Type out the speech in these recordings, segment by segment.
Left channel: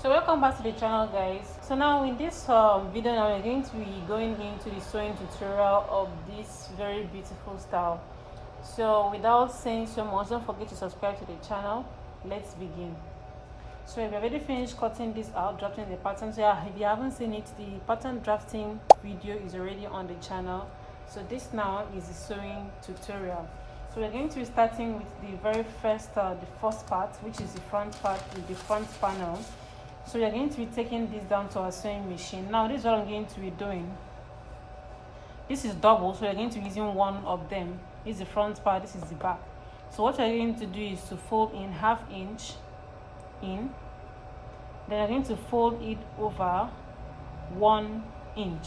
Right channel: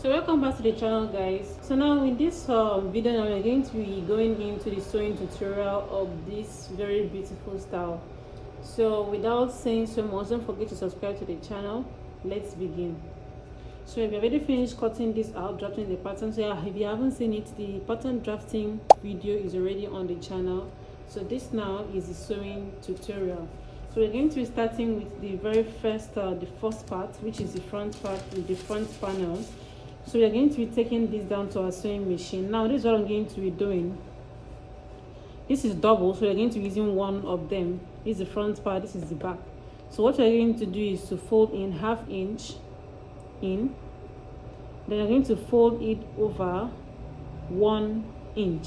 So welcome back to the channel, guys. So now in this video now we're going to be going into the sewing tutorial of this very beautiful style. So without saying so much, don't forget to subscribe to the channel. Let's begin. So we've already finished cutting this out, drafting the pattern. So yeah, if you haven't seen it, the pattern drafting video is already on the channel. So this now is the sewing tutorial. So we're going to be starting with the very first the first part, which is the front part with the front panel. So we're going to be taking this down to our sewing machine. Now this is what I'm going to be doing. This is double, so we're going to be using one of them. This is the front part, this is the back. So what we're going to do is to fold in ½ inch in, then I'm going to fold it over 1 inch.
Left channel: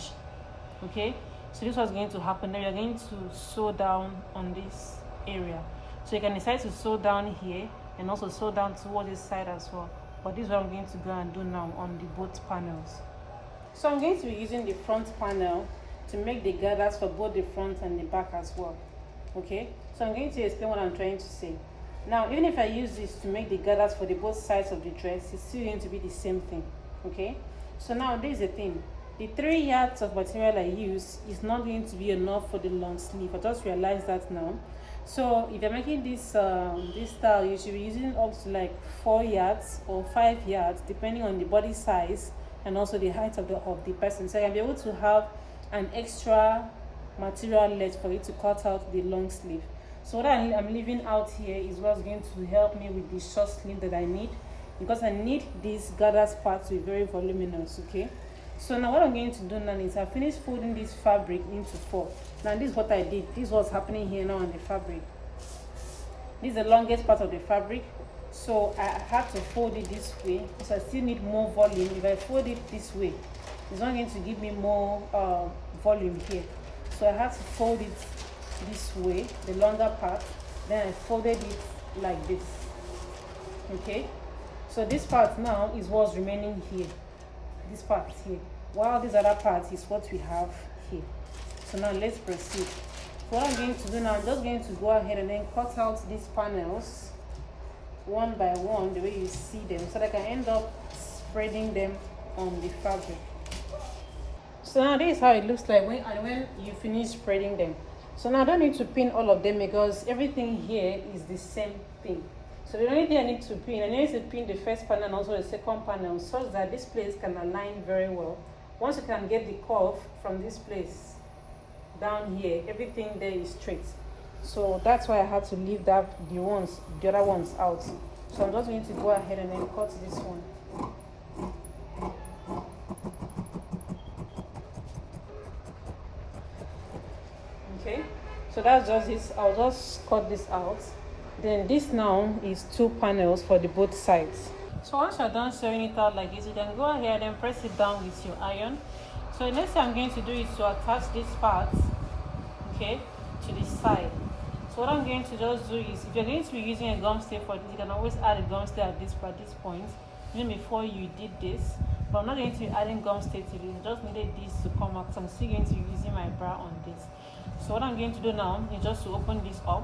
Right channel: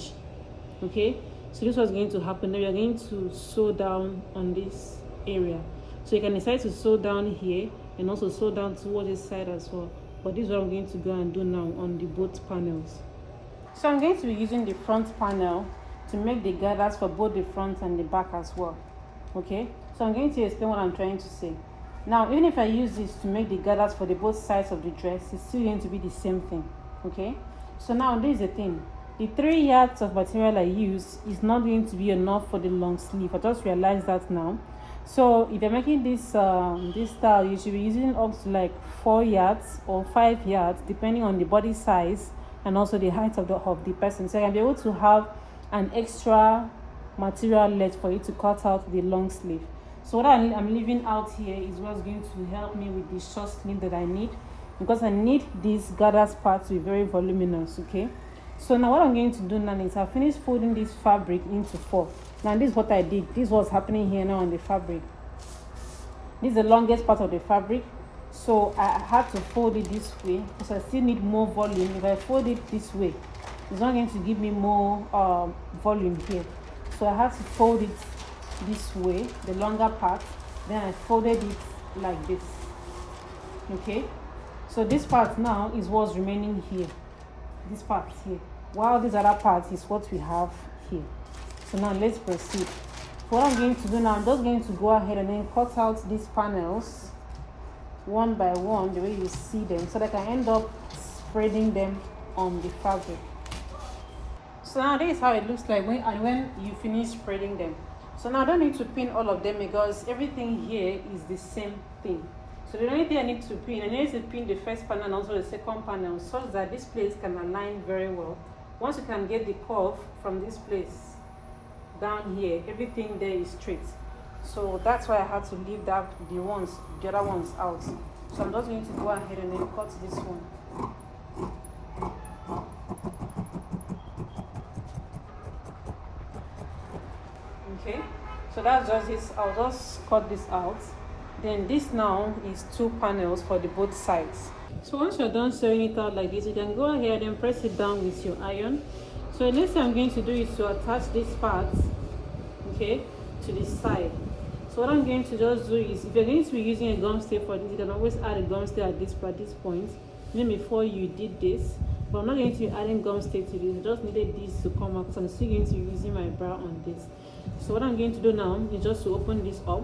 Okay, so this was going to happen. Then we're going to sew down on this area. So you can decide to sew down here and also sew down towards this side as well. But this is what I'm going to go and do now on the both panels. So I'm going to be using the front panel to make the gathers for both the front and the back as well. Okay, so I'm going to explain what I'm trying to say. Now, even if I use this to make the gathers for the both sides of the dress, it's still going to be the same thing. Okay, so now this is the thing. The 3 yards of material I use is not going to be enough for the long sleeve. I just realized that now. So if you're making this this style, you should be using up to like 4 yards or 5 yards, depending on the body size and also the height of the person. So you'll be able to have an extra material left for you to cut out the long sleeve. So what I'm leaving out here is what's going to help me with the short sleeve that I need, because I need these gathers part to be very voluminous. Okay, so now what I'm going to do now is I finished folding this fabric into 4. Now this is what I did. This is what's happening here now on the fabric. This is the longest part of the fabric, so I had to fold it this way because I still need more volume. If I fold it this way, it's not going to give me more volume here, so I had to fold it this way, the longer part. Then I folded it like this. Okay, so this part now is what's remaining here, this part here, while this other part is what we have here. So now let's proceed. So what I'm going to do now, I'm just going to go ahead and then cut out these panels one by one, the way you see them, so that I can end up spreading them on the fabric. So now this is how it looks like when you finish spreading them. So now I don't need to pin all of them because everything here is the same thing. So the only thing I need to pin, I need to pin the first panel and also the second panel, such that this place can align very well. Once you can get the curve from this place down here, everything there is straight. So that's why I had to leave the other ones out. So I'm just going to go ahead and then cut this one. Okay, so that's just it. I'll just cut this out. Then this now is 2 panels for the both sides. So once you're done sewing it out like this, you can go ahead and press it down with your iron. So the next thing I'm going to do is to attach this part, okay, to the side. So what I'm going to just do is, if you're going to be using a gum stay for this, you can always add a gum stay at this point, even before you did this. But I'm not going to be adding gum stay to this. I just needed this to come out, so I'm still going to be using my bra on this. So what I'm going to do now is just to open this up.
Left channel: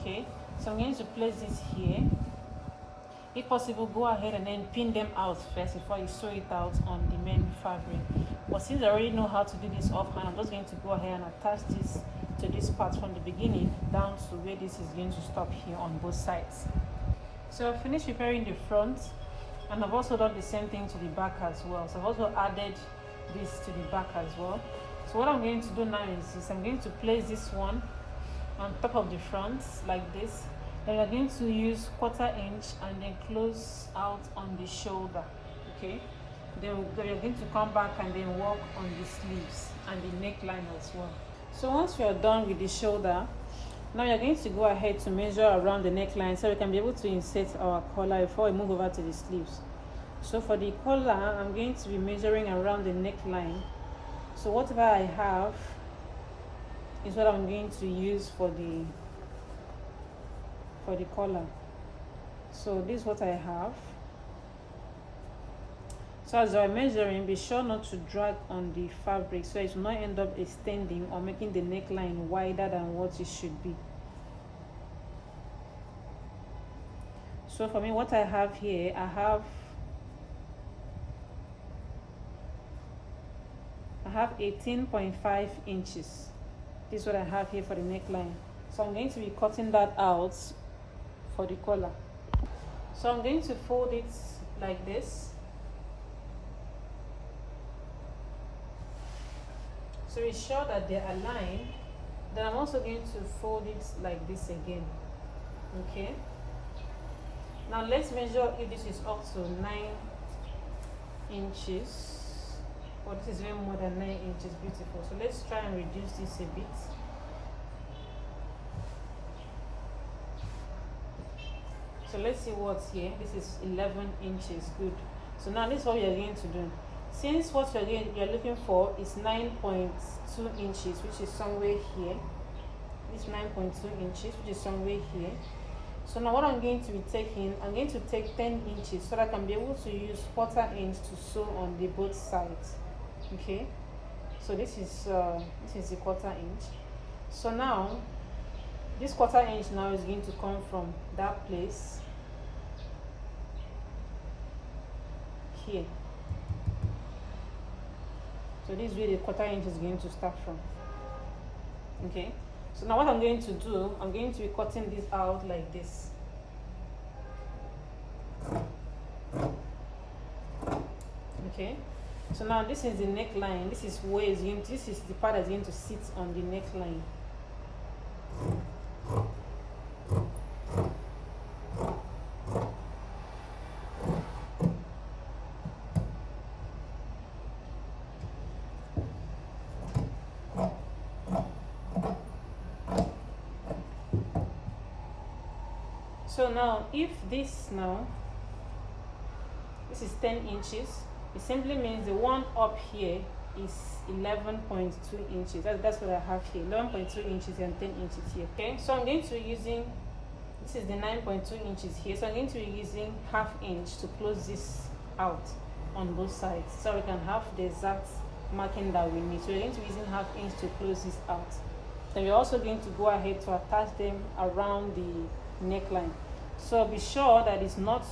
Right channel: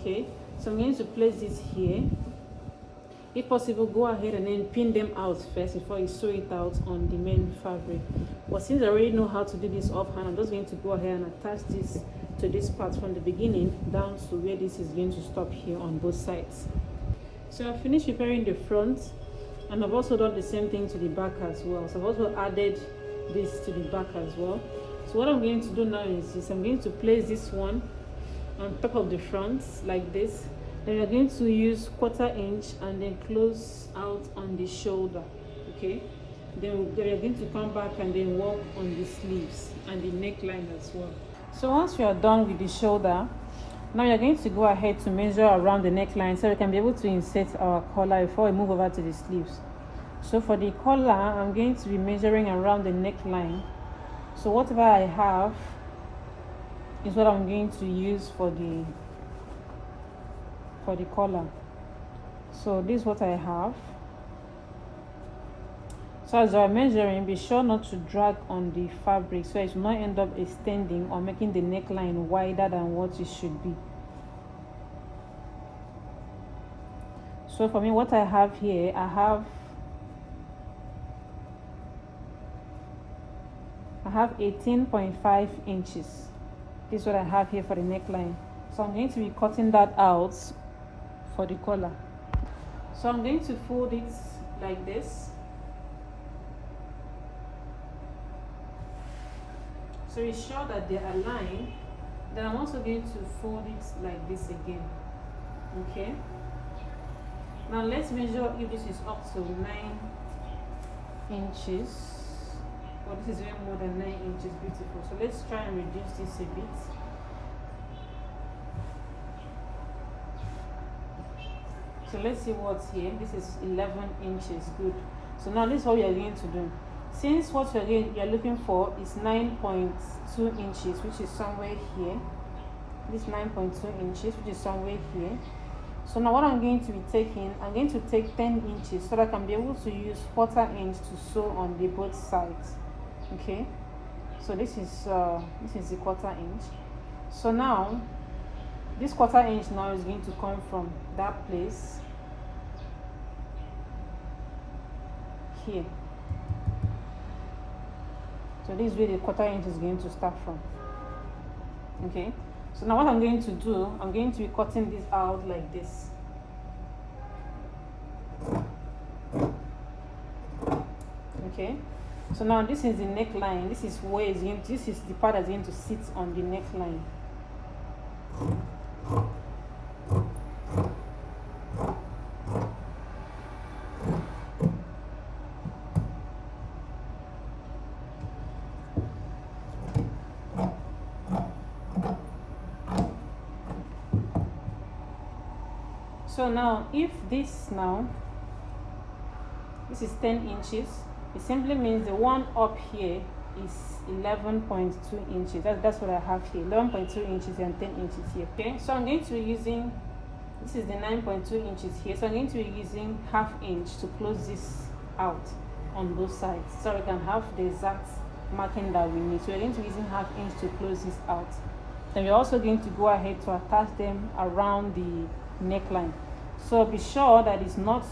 Okay, so I'm going to place this here. If possible, go ahead and then pin them out first before you sew it out on the main fabric. But since I already know how to do this offhand, I'm just going to go ahead and attach this to this part from the beginning down to where this is going to stop here on both sides. So I've finished preparing the front, and I've also done the same thing to the back as well. So I've also added this to the back as well. So what I'm going to do now is this. I'm going to place this one on top of the front like this. Then you're going to use 1/4 inch and then close out on the shoulder. Okay, then you're going to come back and then work on the sleeves and the neckline as well. So once you are done with the shoulder, now you're going to go ahead to measure around the neckline so we can be able to insert our collar before we move over to the sleeves. So for the collar, I'm going to be measuring around the neckline. So whatever I have is what I'm going to use for the collar. So this is what I have. So as you're measuring, be sure not to drag on the fabric so it will not end up extending or making the neckline wider than what it should be. So for me, what I have here, I have I have 18.5 inches. This is what I have here for the neckline. So I'm going to be cutting that out for the collar. So I'm going to fold it like this. So it's sure that they're aligned. Then I'm also going to fold it like this again. Okay. Now let's measure if this is up to 9 inches. Well, this is even more than 9 inches. Beautiful. So let's try and reduce this a bit. So let's see what's here. This is 11 inches. Good. So now this is what we are going to do. Since what you're looking for is 9.2 inches, which is somewhere here. This 9.2 inches, which is somewhere here. So now what I'm going to be taking, I'm going to take 10 inches so that I can be able to use 1/4 inch to sew on the both sides. Okay. So this is the 1/4 inch. So now this 1/4 inch now is going to come from that place here. So this is where the 1/4 inch is going to start from. Okay. So now what I'm going to do, I'm going to be cutting this out like this. Okay. So now this is the neckline. This is where it's going to, this is the part that's going to sit on the neckline. So now if this is 10 inches, it simply means the one up here is 11.2 inches. That's what I have here, 11.2 inches and 10 inches here. Okay, so I'm going to be using, this is the 9.2 inches here, so I'm going to be using 1/2 inch to close this out on both sides so we can have the exact marking that we need. So we're going to be using 1/2 inch to close this out. Then we're also going to go ahead to attach them around the neckline. So be sure that it's not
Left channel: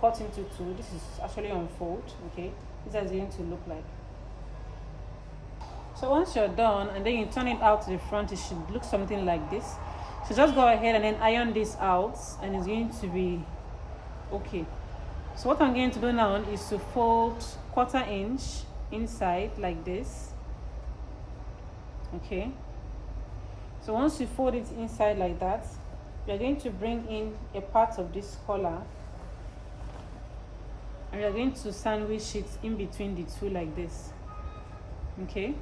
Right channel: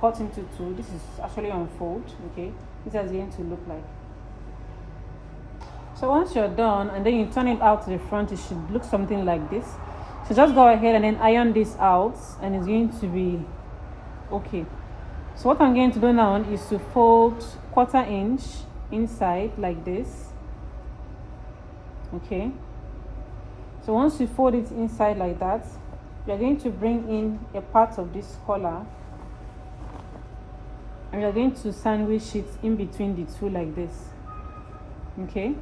cut into two. This is actually unfold. Okay, this is going to look like. So once you're done and then you turn it out to the front, it should look something like this. So just go ahead and then iron this out and it's going to be okay. So what I'm going to do now is to fold 1/4 inch inside like this. Okay, so once you fold it inside like that, you're going to bring in a part of this collar and you're going to sandwich it in between the two like this. Okay,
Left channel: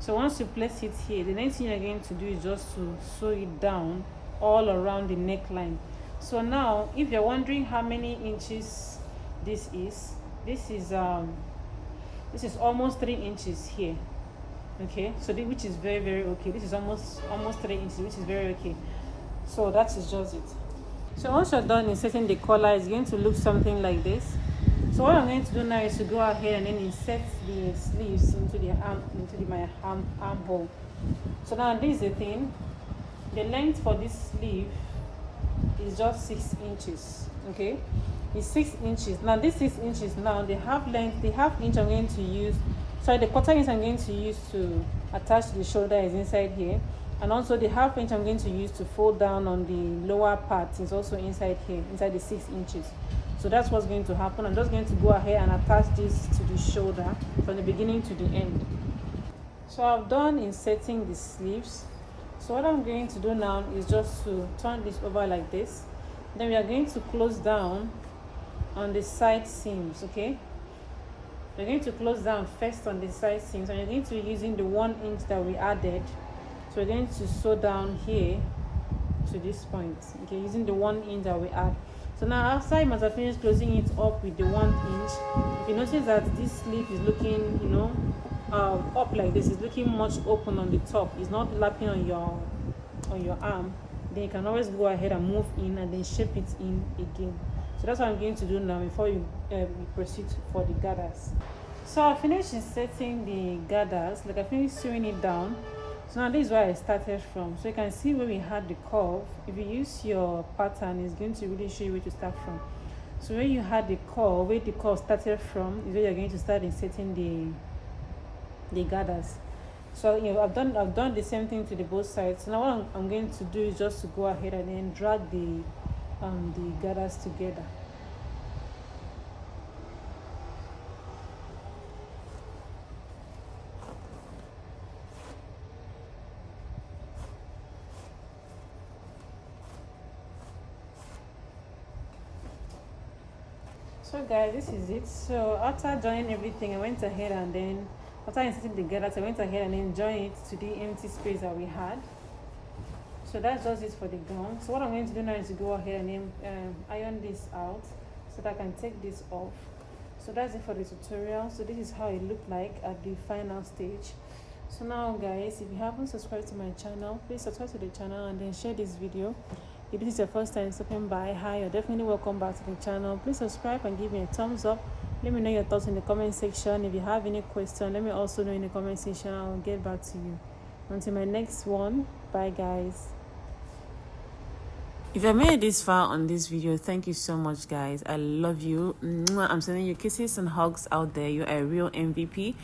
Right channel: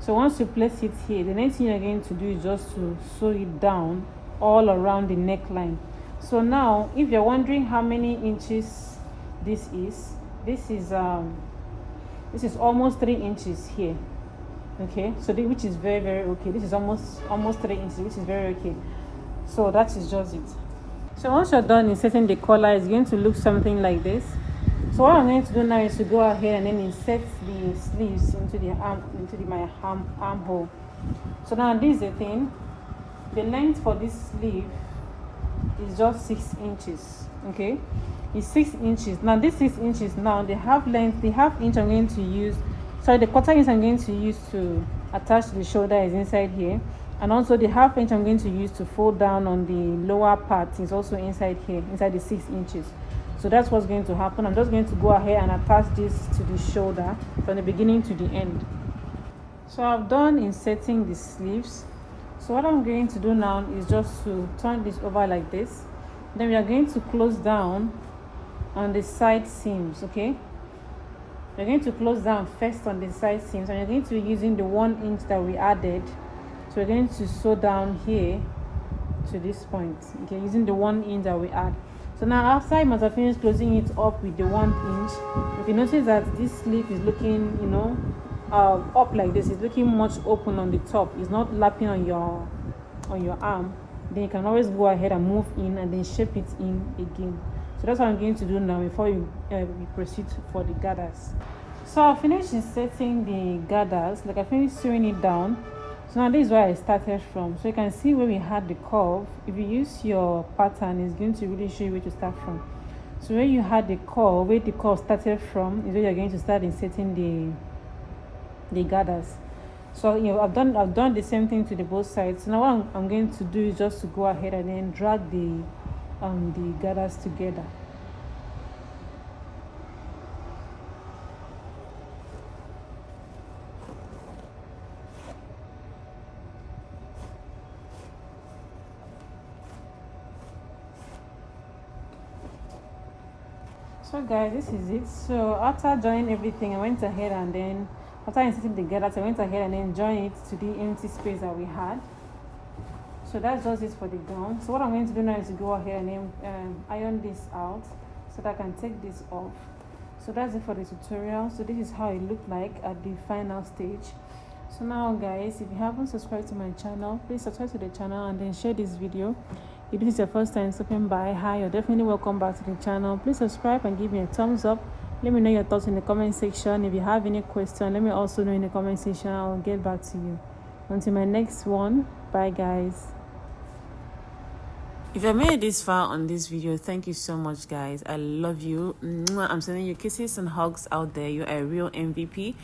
so once you place it here, the next thing you're going to do is just to sew it down all around the neckline. So now if you're wondering how many inches this is almost 3 inches here. Okay, so which is very okay. This is almost 3 inches, which is very okay. So that is just it. So once you're done inserting the collar, it's going to look something like this. So what I'm going to do now is to go ahead and then insert the sleeves into my armhole. So now this is the thing. The length for this sleeve is just 6 inches. Okay, it's 6 inches. Now this 6 inches now, the half inch I'm going to use. Sorry, the 1/4 inch I'm going to use to attach the shoulder is inside here. And also the 1/2 inch I'm going to use to fold down on the lower part is also inside here, inside the 6 inches. So that's what's going to happen. I'm just going to go ahead and attach this to the shoulder from the beginning to the end. So I've done inserting the sleeves. So what I'm going to do now is just to turn this over like this. Then we are going to close down on the side seams. Okay, we're going to close down first on the side seams and we're going to be using the 1 inch that we added. So we're going to sew down here to this point, okay, using the 1 inch that we add. So now after I must have finished closing it up with the 1 inch, if you notice that this sleeve is looking, up like this, it's looking much open on the top, it's not lapping on your arm, then you can always go ahead and move in and then shape it in again. So that's what I'm going to do now before we proceed for the gathers. So I finished inserting the gathers, like I finished sewing it down. So now this is where I started from. So you can see where we had the curve. If you use your pattern, it's going to really show you where to start from. So where you had the curve, where the curve started from is where you're going to start inserting the gathers. So I've done the same thing to the both sides. Now what I'm going to do is just to go ahead and then drag the gathers together. So guys, this is it. So after joining everything, I went ahead and then after inserting the gathers, I went ahead and then joined it to the empty space that we had. So that's just it for the gown. So what I'm going to do now is to go ahead and then iron this out so that I can take this off. So that's it for the tutorial. So this is how it looked like at the final stage. So now guys, if you haven't subscribed to my channel, please subscribe to the channel and then share this video. If this is your first time stopping by, hi, you're definitely welcome back to the channel. Please subscribe and give me a thumbs up. Let me know your thoughts in the comment section. If you have any question, let me also know in the comment section. I'll get back to you. Until my next one, bye guys. If I made it this far on this video, thank you so much guys. I love you. I'm sending you kisses and hugs out there. You're a real MVP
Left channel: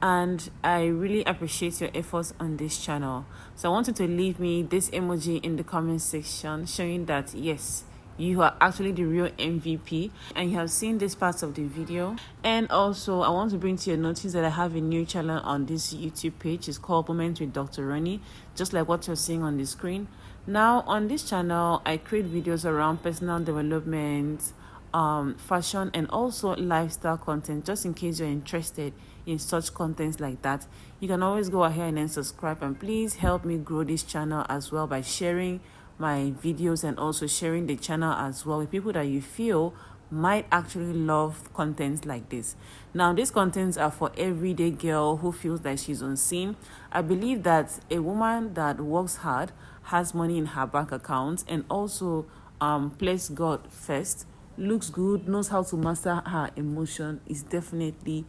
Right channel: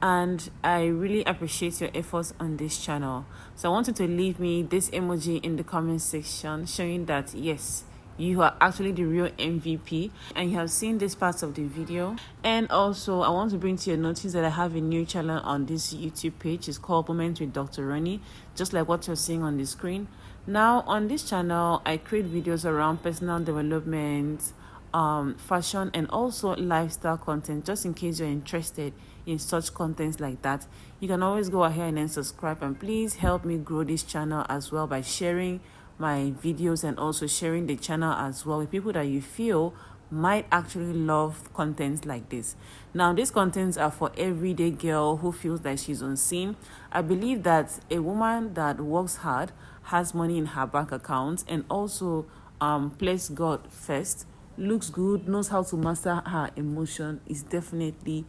and I really appreciate your efforts on this channel. So I want you to leave me this emoji in the comment section showing that yes, you are actually the real MVP and you have seen this part of the video. And also I want to bring to your notice that I have a new channel on this YouTube page. It's called Moments with Dr. Ronnie, just like what you're seeing on the screen. Now on this channel I create videos around personal development, fashion and also lifestyle content. Just in case you're interested in such contents like that, you can always go ahead and then subscribe, and please help me grow this channel as well by sharing my videos and also sharing the channel as well with people that you feel might actually love contents like this. Now these contents are for everyday girl who feels like she's unseen. I believe that a woman that works hard, has money in her bank account, and also places God first, looks good, knows how to master her emotion, is definitely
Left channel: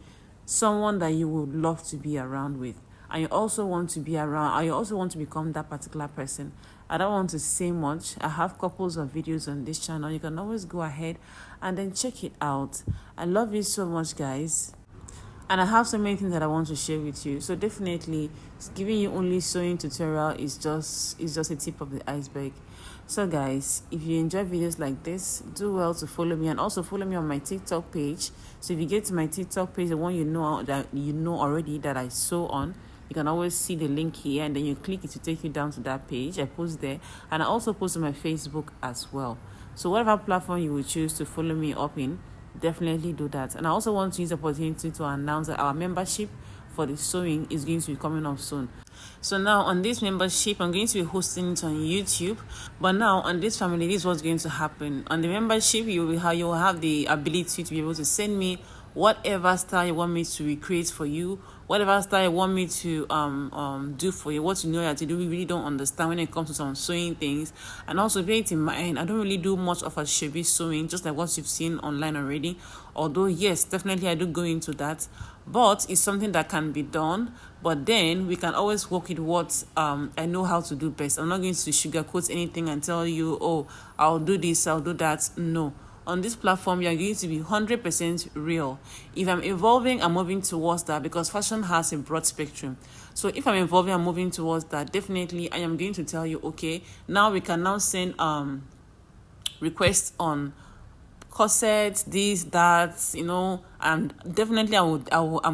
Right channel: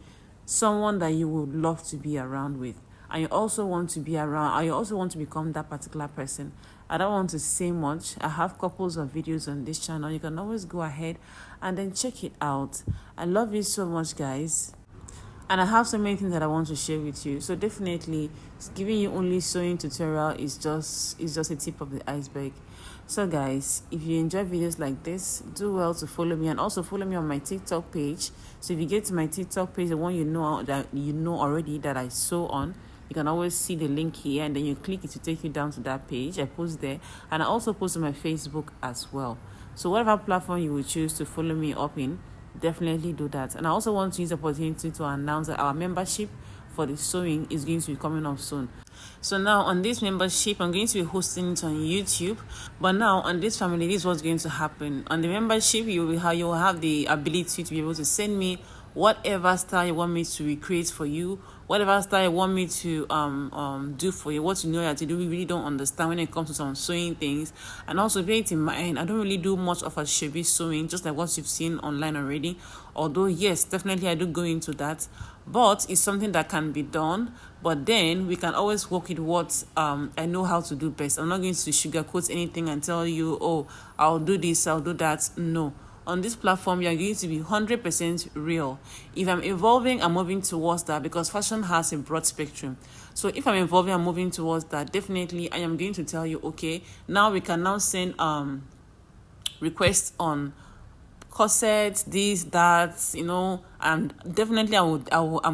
someone that you would love to be around with. And you also want to be around, and you also want to become that particular person. I don't want to say much. I have couples of videos on this channel. You can always go ahead and then check it out. I love you so much guys, and I have so many things that I want to share with you. So definitely giving you only sewing tutorial is just a tip of the iceberg. So guys, if you enjoy videos like this, do well to follow me, and also follow me on my TikTok page. So if you get to my TikTok page, the one you know already that I sew on, you can always see the link here, and then you click it to take you down to that page. I post there, and I also post on my Facebook as well. So whatever platform you will choose to follow me up in, definitely do that. And I also want to use the opportunity to announce that our membership for the sewing is going to be coming up soon. So now on this membership, I'm going to be hosting it on YouTube. But now on this family, this is what's going to happen. On the membership, you will have the ability to be able to send me whatever style you want me to recreate for you, whatever style you want me to do for you, what you know how to do. We really don't understand when it comes to some sewing things. And also bear it in mind, I don't really do much of a shabby sewing, just like what you've seen online already. Although yes, definitely I do go into that, but it's something that can be done. But then we can always work with what I know how to do best. I'm not going to sugarcoat anything and tell you, oh, I'll do this, I'll do that. No. On this platform, you're going to be 100% real. If I'm evolving, I'm moving towards that, because fashion has a broad spectrum. So if I'm evolving, I'm moving towards that, definitely I am going to tell you, okay, now we can now send requests on corsets, this, that, and definitely I'm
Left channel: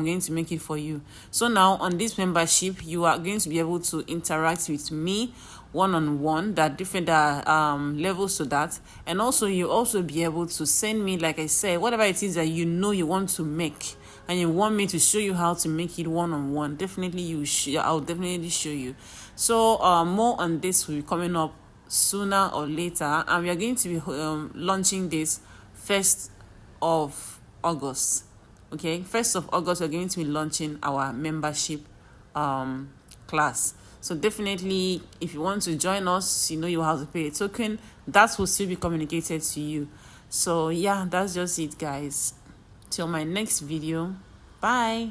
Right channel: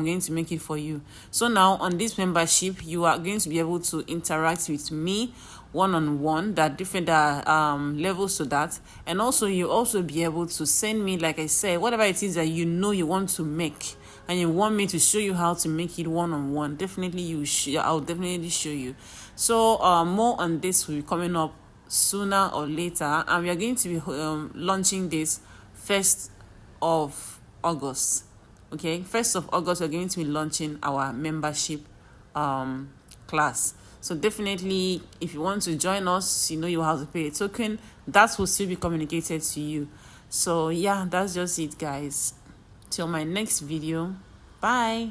going to make it for you. So now on this membership, you are going to be able to interact with me one-on-one. There are different levels to that, and also you also be able to send me, like I said, whatever it is that you want to make and you want me to show you how to make it one-on-one. Definitely I'll definitely show you. So more on this will be coming up sooner or later, and we are going to be launching this 1st of August. Okay, 1st of August we're going to be launching our membership class. So definitely if you want to join us, you have to pay a token. That will still be communicated to you. So yeah, that's just it guys. Till my next video, bye.